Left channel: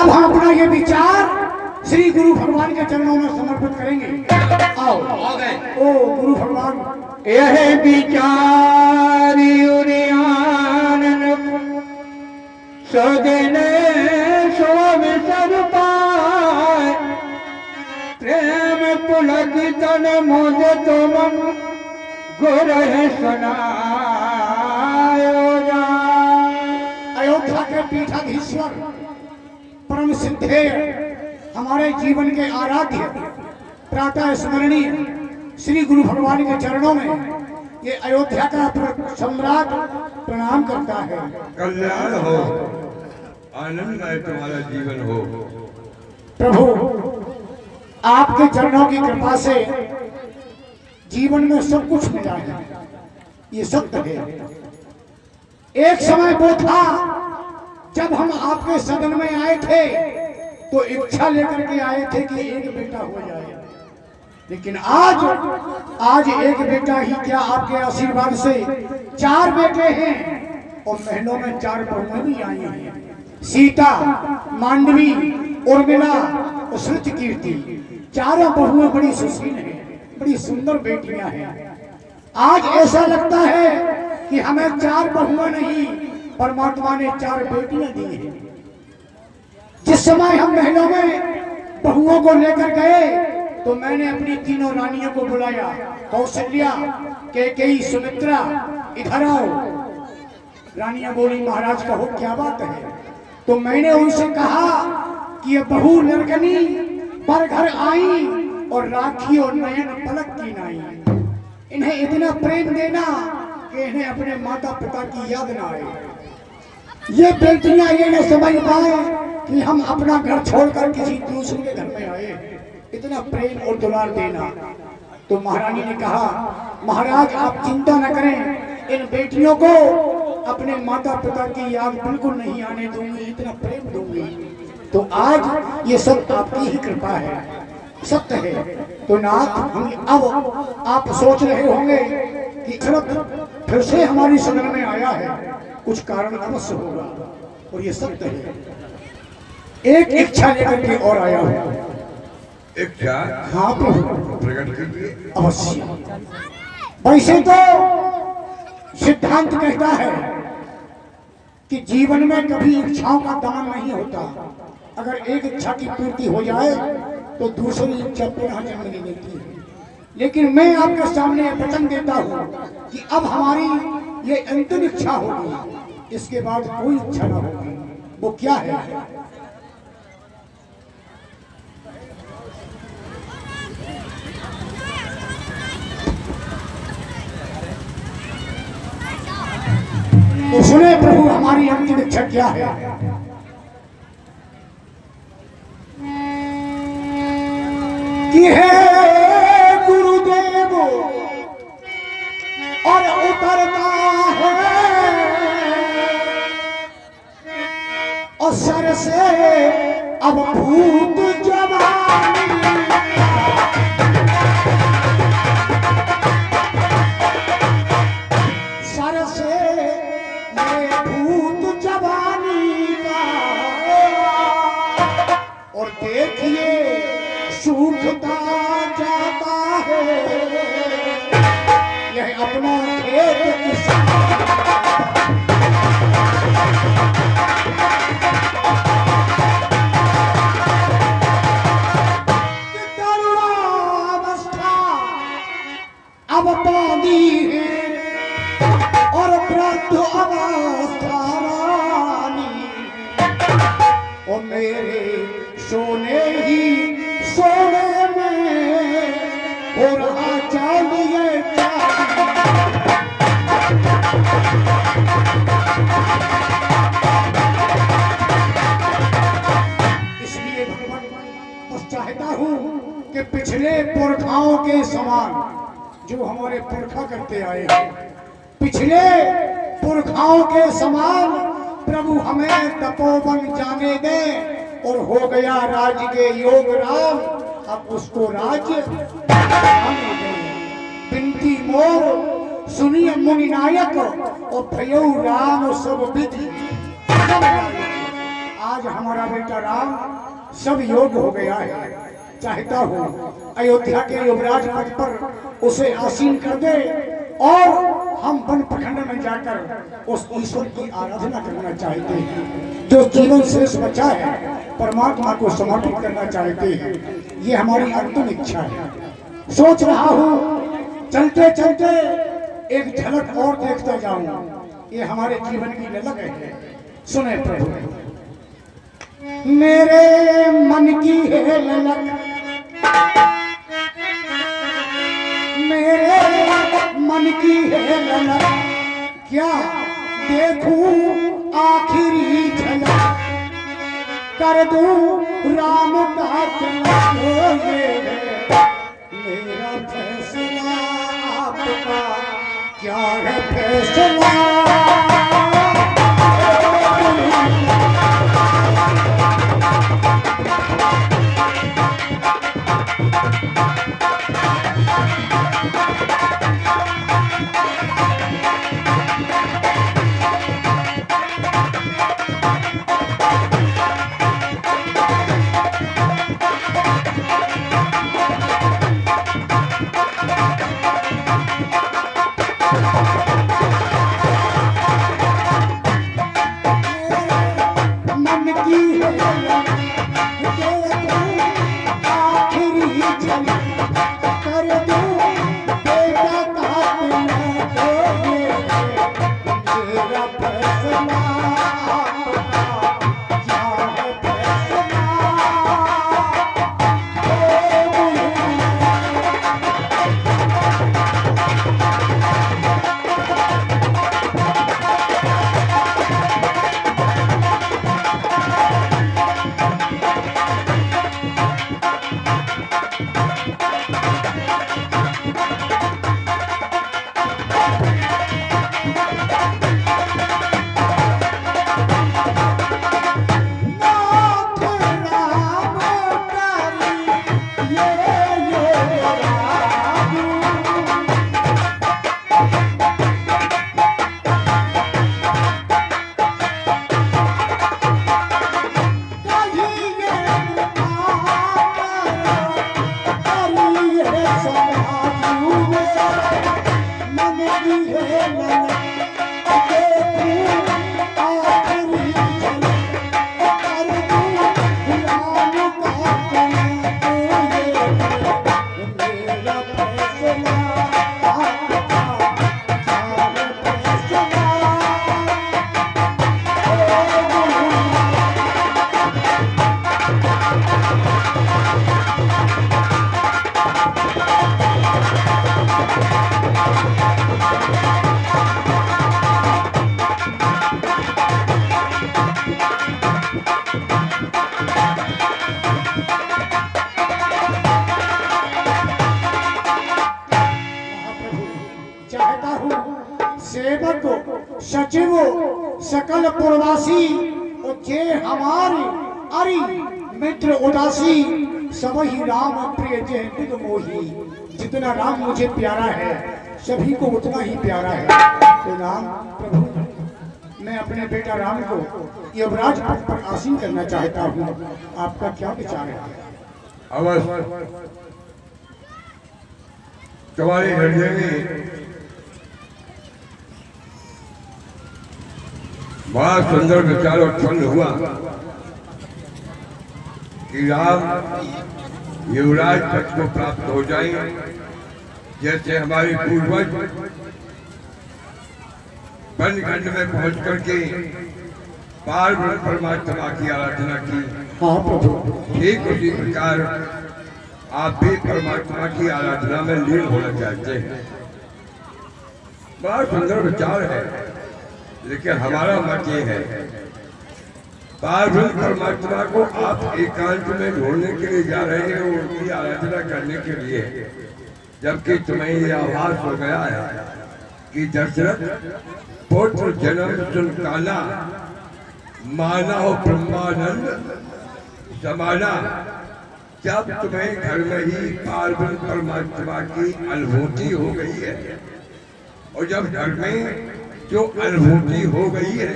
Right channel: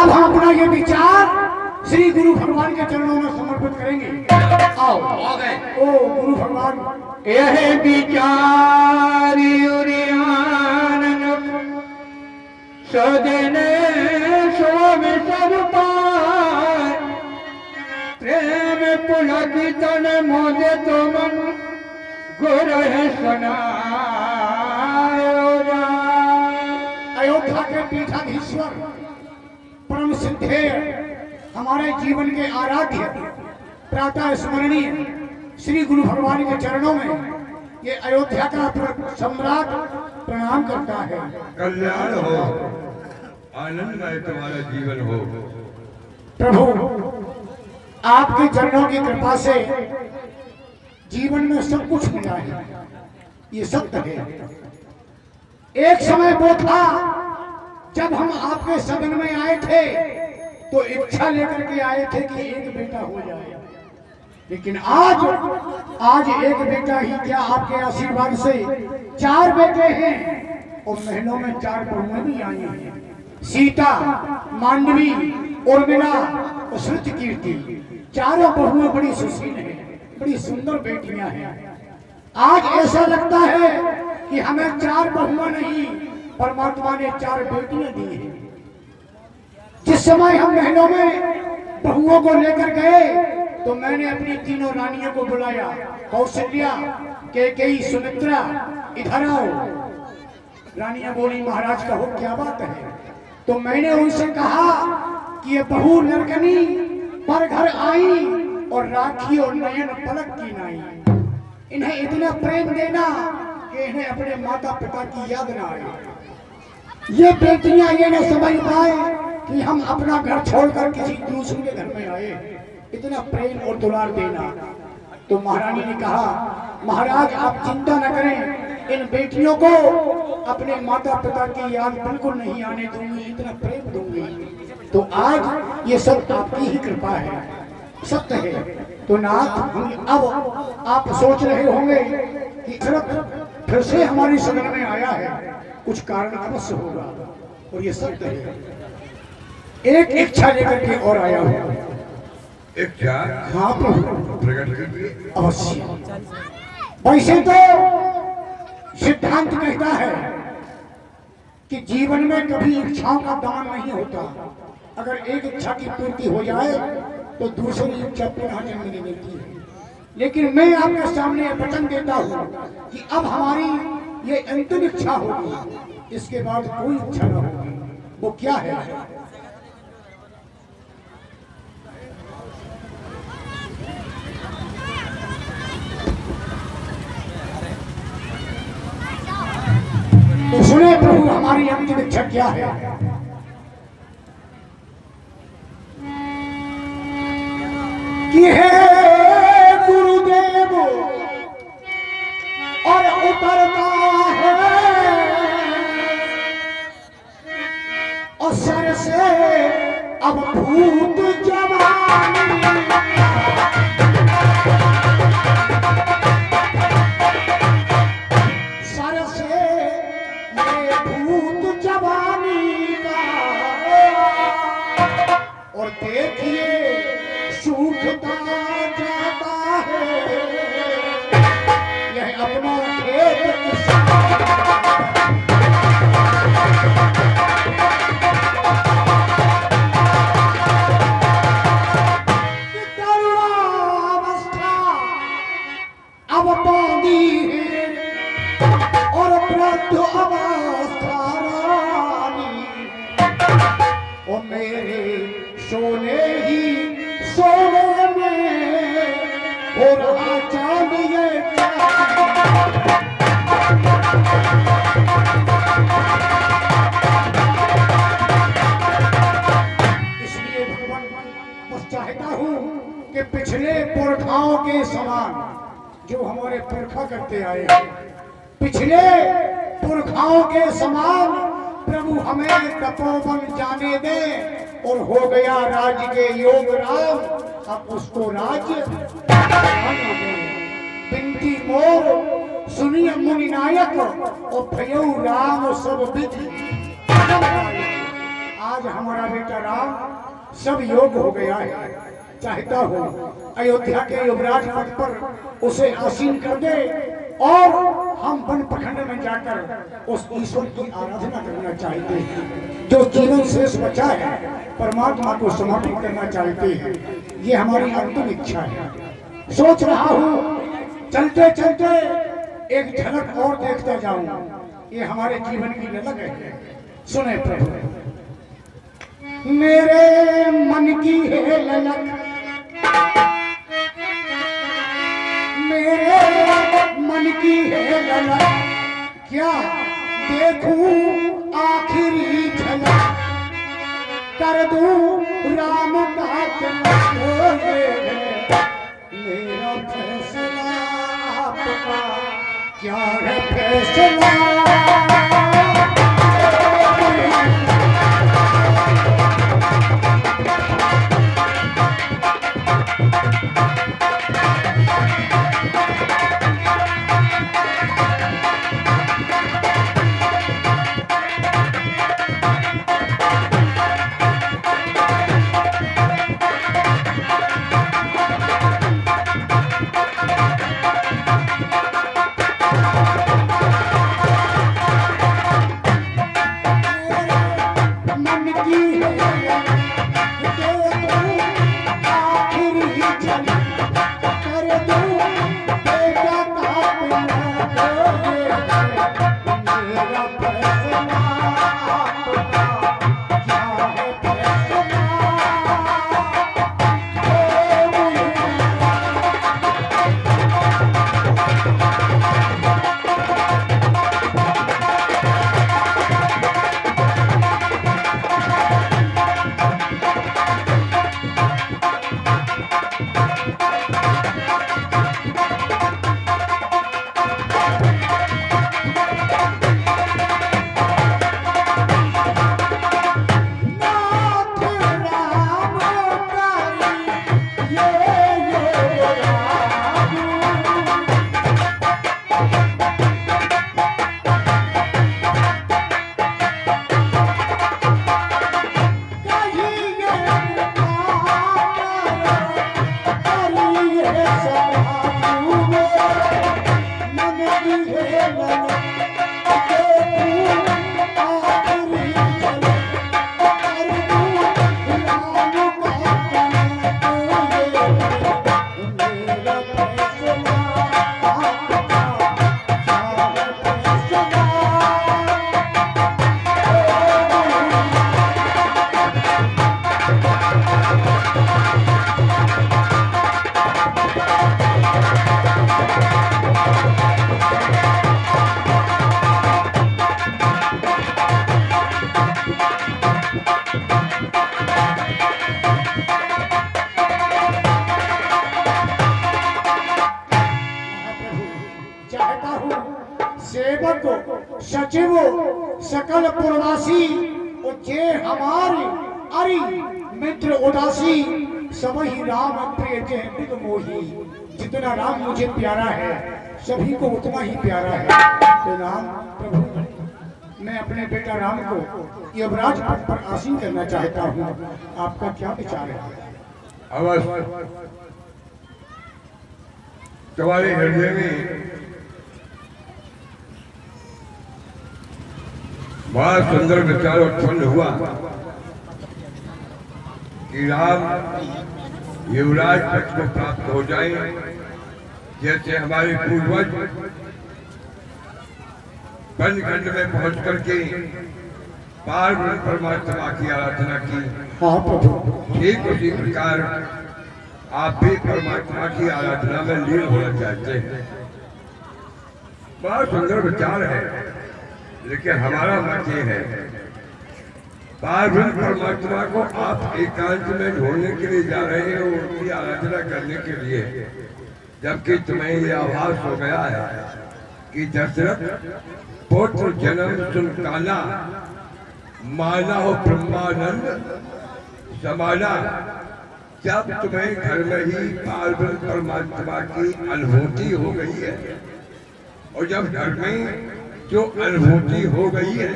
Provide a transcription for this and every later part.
अब हम अपना ये विचार श्री गुरु भगवान के चरणों में समर्पित करेंगे। आओ ओ गुरु भगवान, यह विचार सदने स्वामी सब पाए, प्रेम पुलक तन मुझे तो मन गुर सुनायो। अयोध्या के पीठाधीश्वर परम सिद्धे हमारे जीवन के आराध्य प्रातः स्मरणीय श्री गुरु भगवान के चरणों में ये अयोध्या का सम्राट प्रणाम करता है। कल्याण हो, आनंदमय तुम्हारा जीवन हो। प्रभु, आपके चरणों की कृपा से जीवन में सब कुछ मिला है, ये सत्य है। एक समय वो था जब हम आपके सदन में आए थे तो इच्छा लेकर के आए थे कि एक बेटा हो जाए, लेकिन आज एक बेटा ही क्या, आपके आशीर्वाद से 4 बेटे हैं और महलों में 4 बहुएं भी आई हैं। सीता, मांडवी, उर्मिला और श्रुतकीर्ति, चारों बहुएं बड़ी सुशील हैं, बड़ी सुंदर बेटियां हैं। आज ऐसा लगता है कि हमें 4 बहुएं नहीं, परमात्मा ने 4 बेटियां दी हैं। जिस समय हम महलों में बहुओं को लेकर गए तो मैंने अपनी तीनों रानियों को बुलाया, कौशल्या, कैकेयी, सुमित्रा, इधर आओ। रानियां बोली, महाराज कहो क्या बात है? तो मैंने उनसे कहा कि ये बहू लड़कनी पर घर आई और राखी और नयन पलक की नाई, इन्हें इतना प्रेम देना कि इन्हें अपने माता पिता की याद ना आए। ये बेटियां ये न समझ पाए कि हम अपना घर छोड़कर किसी दूसरे के घर में आए, इतना प्रेम और दुलार देना। तो महारानी ने कहा, महाराज आप चिंता न करें, इन बेटियों को अपने माता पिता की याद बिल्कुल नहीं आने दूंगी, इतना प्रेम दूंगी। तो आज ये सब आपकी ही कृपा है, सत्य है। तो नाथ, हम अब आप सोच रहे होंगे कि फिर से हमारी सदन में आया है, कुछ कारण अवश्य होगा, और ये सत्य है। एक इच्छा लेकर के और आया हूँ। इच्छा? हाँ प्रभु, प्रकट कीजिए। अवश्य। वैसे तो सिद्धांत कहता है कि जीवन में कभी इच्छाओं का दान नहीं होता। अगर एक इच्छा की पूर्ति हो जाए तो दूसरी इच्छा पुनः जन्म नहीं मिलती है। लेकिन मैं आपके सामने वचन देता हूँ कि अब हमारी ये अंतिम इच्छा होगी, इसके बाद कोई इच्छा न होगी। वो क्या है? तो सुने प्रभु, हमारी अंतिम इच्छा क्या है? कि है गुरुदेव और उतरता है और सर से अब भूत जवानी, सर से ये भूत जवानी का, और देखिए सूखता जाता है यह अपना खेत करुणावस्था अब बांधी है और वृद्ध अवस्था रानी, और मेरे सोने ही सोने में हो रहा चाहिए। इसलिए भगवान बस चाहता हूँ कि पिछले पुरखाओं के समान जो हमारे पुरखा करते आए हैं, पिछले पुरखाओं के समान प्रभु हमें तपोवन जाने दे, और हो गया राज के योग राम, अब उसको राज्य आने दे। बिनती मोर सुनिए मुनि नायक, और भयउ राम सब विधि। आज हमारा बेटा राम सब योग हो गया है। चाहता हूँ अयोध्या के युवराज पद पर उसे आसीन कर दे और हम वन प्रखंड में जाकर उस ईश्वर की आराधना करना चाहते हैं। जो जीवन शेष बचा है परमात्मा को समर्पित करना चाहते हैं। ये हमारी अंतिम इच्छा है। सोच रहा हूँ चलते चलते एक झलक और देखता जाऊं। ये हमारे जीवन की ललक है। सुने प्रभु मेरे मन की है ललक, मेरे मन की है ललक, क्या देखूं आखिरी झलक, कर दूं राम का तिलक। मेरा फैसला आपका क्या है फैसला। सचिव सकल पुरवासी जे हमारी अरि मित्र उदासी सब ही राम प्रिय जय बिद मोही। जितना राम मुझे प्यारा है सभी को उतना ही प्यारा है। तो राम प्रभु मैं अपने बेटा राम को युवराज पद पर आसीन करना चाहता हूँ। आपका क्या विचार है? अवश्य तुम्हारे हृदय में बड़ा सुंदर विचार उत्पन्न हुआ कि राम युवराज पद को प्राप्त हो जाए। जैसे हमारे पूर्वज वनखंड में पहुंच करके पार्वती परमात्मा की आराधना की, ठीक उसी प्रकार आप भी परमात्मा की आराधना में लीन होना चाहते हैं। बड़ा सुंदर विचार है, लेकिन हमारा मत ये है पार्वती परमात्मा को आप एकांत में ढूंढने के लिए जा रहे हो, उनकी आराधना करने के लिए, जबकि तुम्हें यह आभास हो गया है कि दशरथ पुत्र जन्म सुन काला, माना हो ब्रह्मानंद समाना। जब तुम्हें घर में ही पार्वती परमात्मा की अनुभूति हो गई है, और जब घर में जो अनुभूति हो गई है,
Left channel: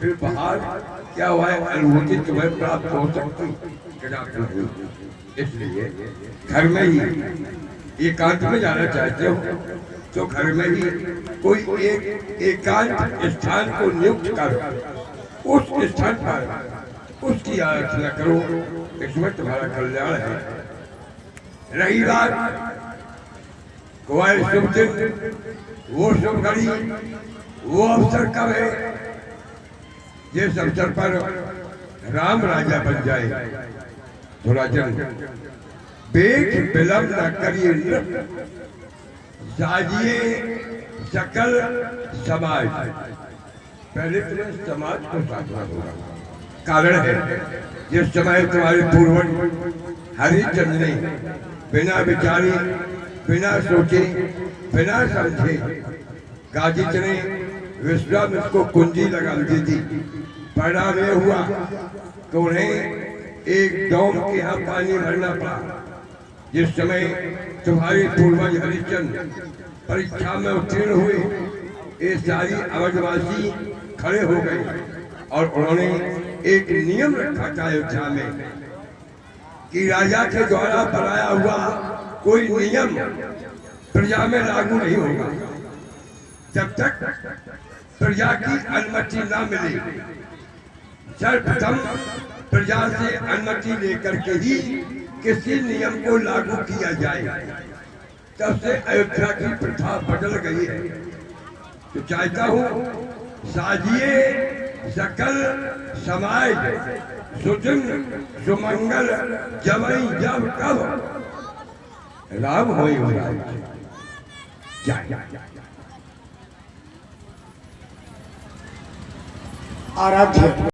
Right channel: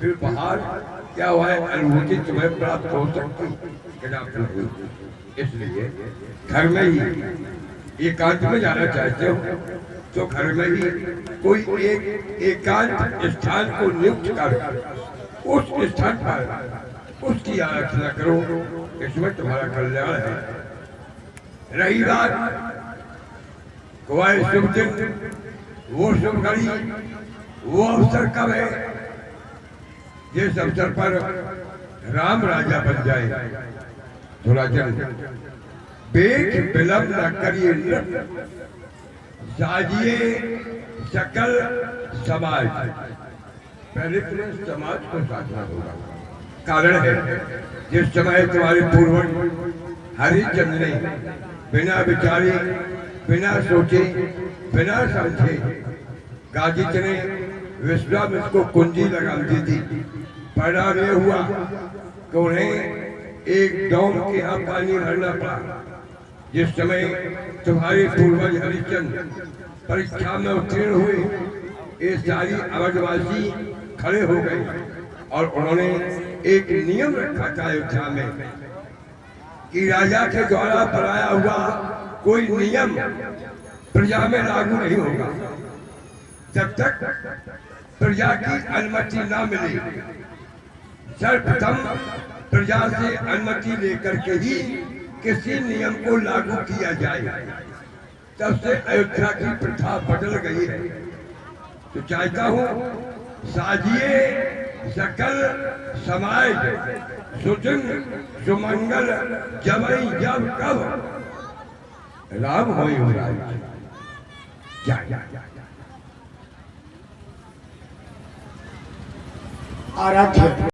फिर बाहर क्या हुआ है, अनुभूति तुम्हें प्राप्त हो सकती कि ना प्रभु। इसलिए घर में ही एकांत में जाना चाहते हो तो घर में ही कोई एक एकांत स्थान को नियुक्त कर उस स्थान पर उसकी आराधना करो, इसमें तुम्हारा कल्याण है। रही बात तुम्हारे शुभ दिन, वो शुभ घड़ी, वो अवसर कब है, जिस अवसर पर राम राजा बन जाए, थोड़ा जल्द बेग विलंब न करिए, साजिए सकल समाज। पहले तुम्हें समाज को साधना होगा। कारण है, जिस समय तुम्हारे पूर्वज हरिचंद्र ने बिना विचारे, बिना सोचे, बिना समझे गाजित ने विश्वामित्र को कुंजी लगा दी थी। परिणाम यह हुआ कि उन्हें एक डोम के यहाँ पानी भरना पड़ा। जिस समय तुम्हारे पूर्वज हरिश्चंद्र परीक्षा में उत्तीर्ण हुए, ये सारी अवधवासी खड़े हो गए और उन्होंने एक नियम रखा था अयोध्या में कि राजा के द्वारा बनाया हुआ कोई नियम प्रजा में लागू नहीं होगा जब तक प्रजा की अनुमति ना मिले। सर्वप्रथम प्रजा से अनुमति लेकर के ही किसी नियम को लागू किया जाए। तब से अयोध्या की प्रथा बदल गई है। तो चाहता हूँ, साजिए सकल समाज, सुजन सुमंगल जमई जब कब राम होई हो आराध्य